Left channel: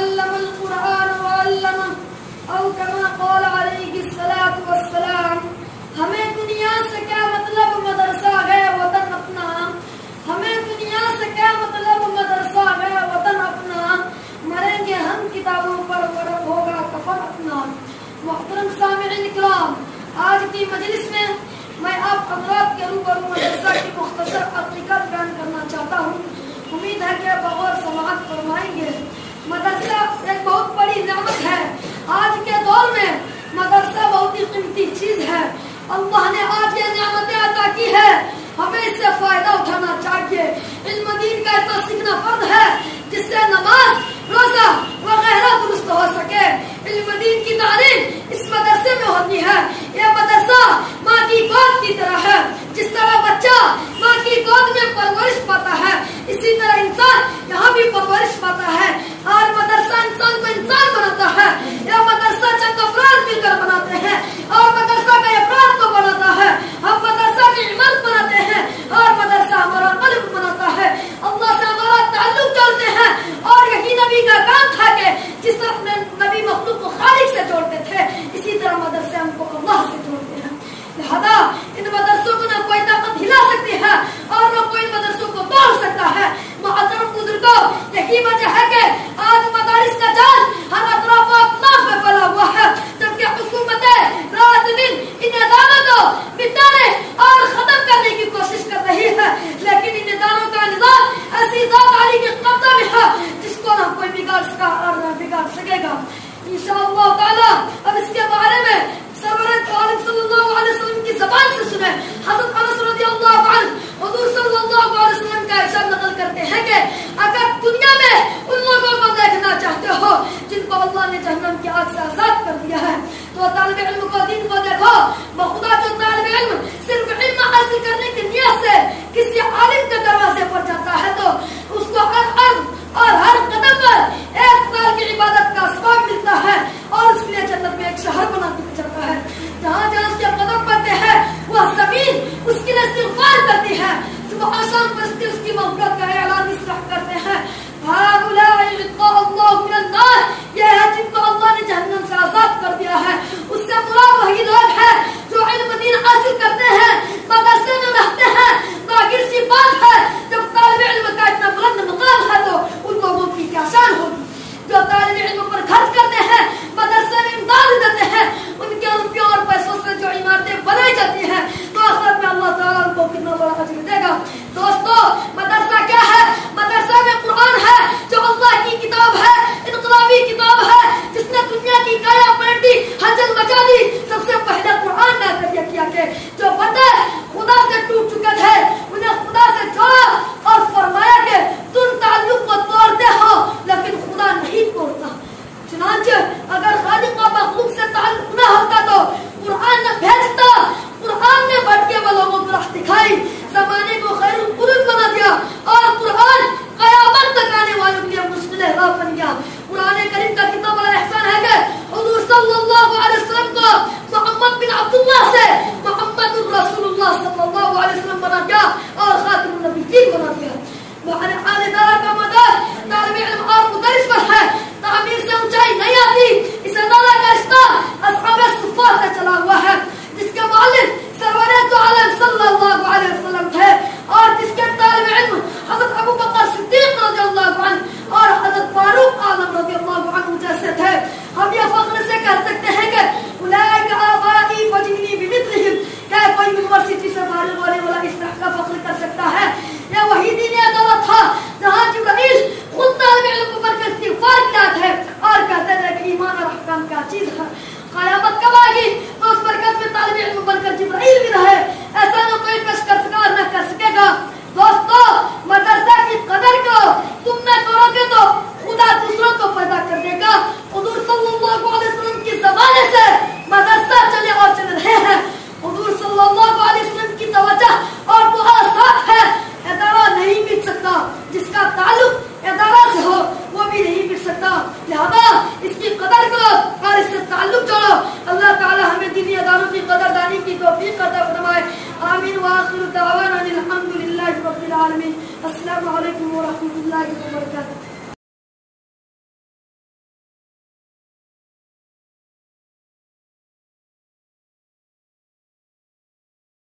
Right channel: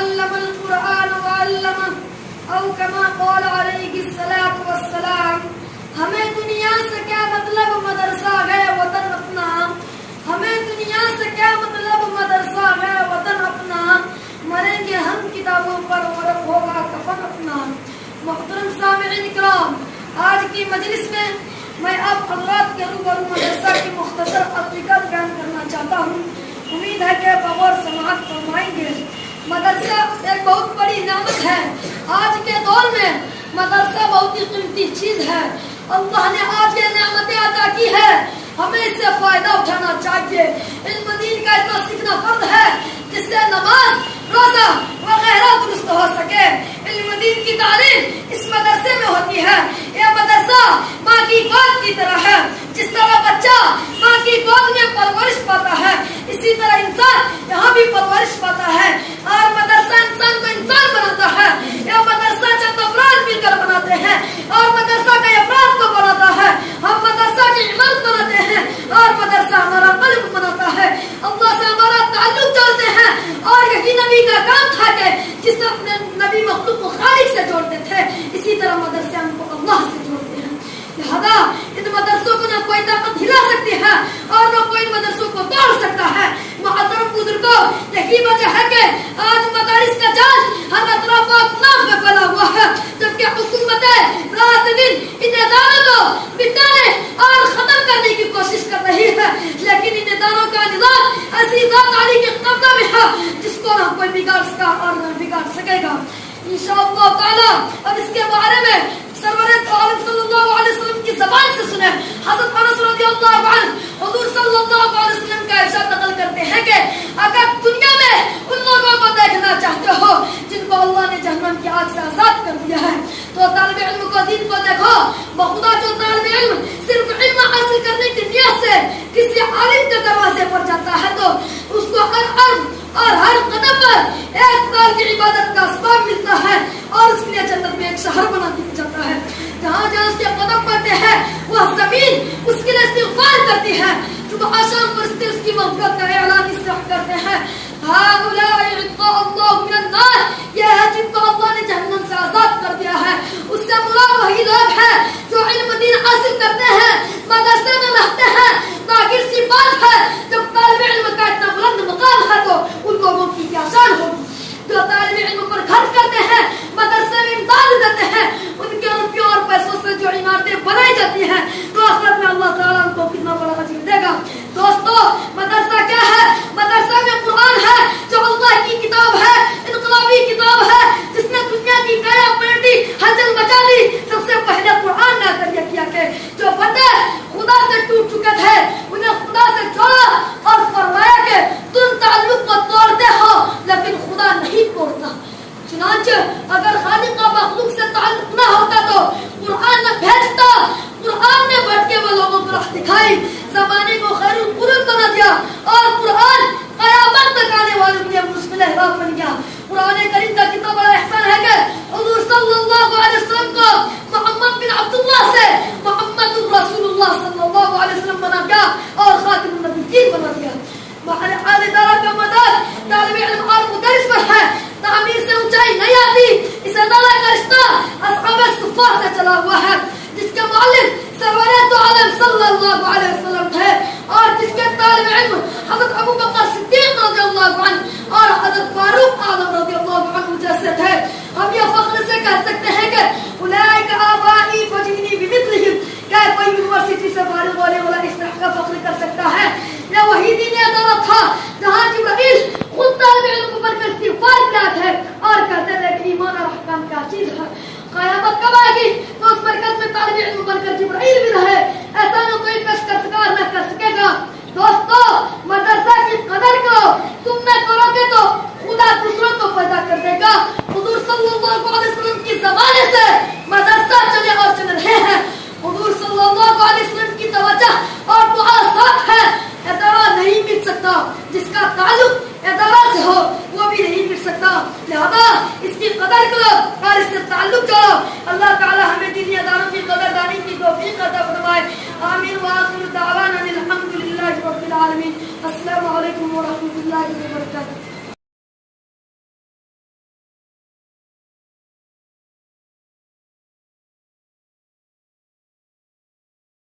علم القرآن وعلمه او كما قال علیہ الصلوۃ والسلام. ہمیں دنیا سے کیا مطلب مدرسہ ہے وطن اپنا، ہمیں دنیا سے کیا مطلب مدرسہ ہے وطن اپنا، مریں گے ہم کتابوں پر ورق ہوگا کفن اپنا. محترم سامعین کرام، آج کی مجلس میں آپ حضرات کے روبرو مدرسہ کی مختصر حقیقت بیان کرنا چاہتا ہوں. امید ہے کہ بغور سماعت فرمائیں گے. مدرسہ ایک بہت بڑی نعمت ہے. آج کے دور میں مدرسہ بہت ہی قیمتی چیز ہے. اللہ نے آج یہ نعمتیں عطا کی ہے، ہمیں اس سے فائدہ اٹھانا چاہیے. علم دین کا تو سیکھنا فرض ہے جس سے نماز، روزہ وغیرہ درست ہو سکے. علم دین کی تعلیم اس مدرسے میں ہوتی ہے. یہ مدرسہ ماں کی گود کی طرح ہے. جس طرح بچہ ماں کی گود میں پرورش پاتا ہے، اسی طرح انسان یہاں بھی پرورش پاتا ہے. اور مدرسہ انسان کو انسان بناتا ہے. یہ مدرسہ چند افراد مل کر بناتے ہیں اور مدرسہ کے افراد کو بناتا ہے. ہم مدرسہ کی عمارت بناتے ہیں اور مدرسہ ہمارا قلب بناتا ہے. اللہ سے ہمارا تعلق جوڑتے ہیں اور یہی نبی کا کام تھا کہ جس طرح اپنے نبی مخلوق کو خالق سے جوڑتے تھے، اسی طرح مدرسے ہم کو اللہ سے جوڑتے ہیں. لہذا ان مدرسوں کو نہ کوئی طاقت ہلا سکتی ہے اور نہ کوئی مدرسوں کو توڑ سکتا ہے. محترم بزرگوں، یہی وجہ ہے کہ آج مدارس کا جال ہر اطراف و اطراف میں پھیلا ہوا ہے، جبکہ حکومتیں رات دن ان اداروں کو مٹانے اور ختم کرنے کی کوشش کر رہی ہے. لیکن ان اداروں کا نظام ایسی ذات علی کے قبضہ میں ہے جس کو نہ کوئی بگاڑ سکا اور نہ بگاڑ سکے گا. انشاءاللہ تعالی اب اس کے بارے میں سرور عالم صلی اللہ علیہ وسلم کی زبان سے سنیں. حضرت انس رضی اللہ عنہ حضور صلی اللہ علیہ وسلم کا ارشاد نقل کرتے ہیں کہ اگر دنیا میں ان لوگوں کو دیکھنا چاہتے ہو جن کو اللہ نے جہنم کی آگ سے آزاد کر دیا ہے، تو طالب علم کو دین کو دیکھو. بخدا جو طالب علم صرف علم حاصل کرنے کی نیت سے کسی عالم کے دروازے پر جاتا ہے تو اس کو ہر عرض اور ہر قدم پر ایک سال کی عبادت کا اسباب ملتا ہے اور اس کے لیے جنت میں ایک شہر بنا دیا جاتا ہے. جہاں جہاں اس کے قدم پڑتے ہیں وہ زمین اس کے لیے استغفار کرتی ہے. صبح شام پرستے اس کی مغفرت کا اعلان اس طرح کرتے ہیں، هؤلاء عتق اللہ من النار، یہ ہے جن کو اللہ نے جہنم سے آزاد کر دیا ہے. اس سے مراد وہی لوگ ہیں جو علم دین حاصل کرتے ہیں، مدرسے میں رہتے ہیں. باقی سی بات ہے جب طالب علم کا اتنا بلند مقام ہے تو ان لوگوں کی کیا شان ہوگی جو طالب علم پر خرچ کرتے ہیں، مدرسے میں امداد دیتے ہیں. ان کے روپیوں اور پیسوں سے جو عمارتیں بنائی جاتی ہیں تو آخرت میں اللہ تعالیٰ ان کو کتنا بڑا اجر دے گا. دوستو، مدرسہ کیا ہے؟ مدرسہ میں قرآن ہے جو اللہ کی کتاب ہے، انقلابی کتاب ہے جس نے دنیا کی کایا پلٹی، ہلچل مچا دی. سب سے پہلے قرآن نے کیا کیا کہ جو بندے خدا سے ٹوٹ چکے تھے انہیں خدا سے جوڑا اور فرمایا کہ تم تعلق کو توڑتے ہو لیکن خدا نہیں توڑتا. چنانچہ اگر خالق کا مخلوق سے تعلق نہ ہوتا تو قرآن نہ بھیجتا. قرآن نے بھٹکے ہوئے لوگوں کو راہ دکھائی، زمانے کو خیر القرون بنا دیا اور قرآن قیامت تک آنے والوں کے لیے مشکل راہ بن گیا. قرآن کریم کا کتنا بڑا احسان ہے کہ حضور صلی اللہ علیہ وسلم کو محمد بن عبداللہ سے محمد رسول اللہ صلی اللہ علیہ وسلم بنا دیا اور خاتم النبیین بنا دیا. حال ادارہ کا مدار طالب علم اور مدرس پر ہے. تعمیر سے اونچائی نہیں آتی. اس ادارہ کا رشتہ اصحاب صفہ سے چلا ہوا ہے جس کے مؤلف سرور دو عالم صلی اللہ علیہ وسلم تھے اور جس کے طالب علم حضرت ابو بکر صدیق رضی اللہ عنہ اور حضرت فاروق اعظم رضی اللہ عنہ جیسے تھے. ہم یہ فخر سے کہہ سکتے ہیں کہ اولئک آبائی فجئنی بمثلہم. کیا کوئی یونیورسٹی سے فارغ ہونے والا اس طرح کا فخر کر سکتا ہے؟ یہ وہی دینی ادارہ تھا جہاں جبرائیل خود طالب علم پر استغفار کیا ہے اور کہتے ہیں کہ ایمان اور احکام کیا چیز ہے. قیامت کب آئے گی تو اس مرکز میں طالب علم بن کر جبرائیل بھی رہے. ایسا نہ کوئی پیشکشکار نہ کر سکے گا. دوستو، مدرسہ کی قدر کو تم نہ کرو گے تو خدا دوسروں کو پیدا کر دے گا. حضور صلی اللہ علیہ وسلم کی زمانے سے مدرسہ چلے اور چل رہے ہیں. حضور صلی اللہ علیہ وسلم کی توجہ اور دعا ساتھ ہے. ادارہ نہیں مٹ سکتا جس کا تعلق ادارہ سے ہو وہ بھی نہیں مٹ سکتا. لہذا اس کی قدر کرو اور اس سے تعلق جوڑو. اللہ تعالی ہمیں دینی اداروں کی قدر دانی کی توفیق عطا فرمائے. آمین وآخر دعوانا الحمد للہ رب العالمین. السلام علیکم ورحمۃ اللہ وبرکاتہ.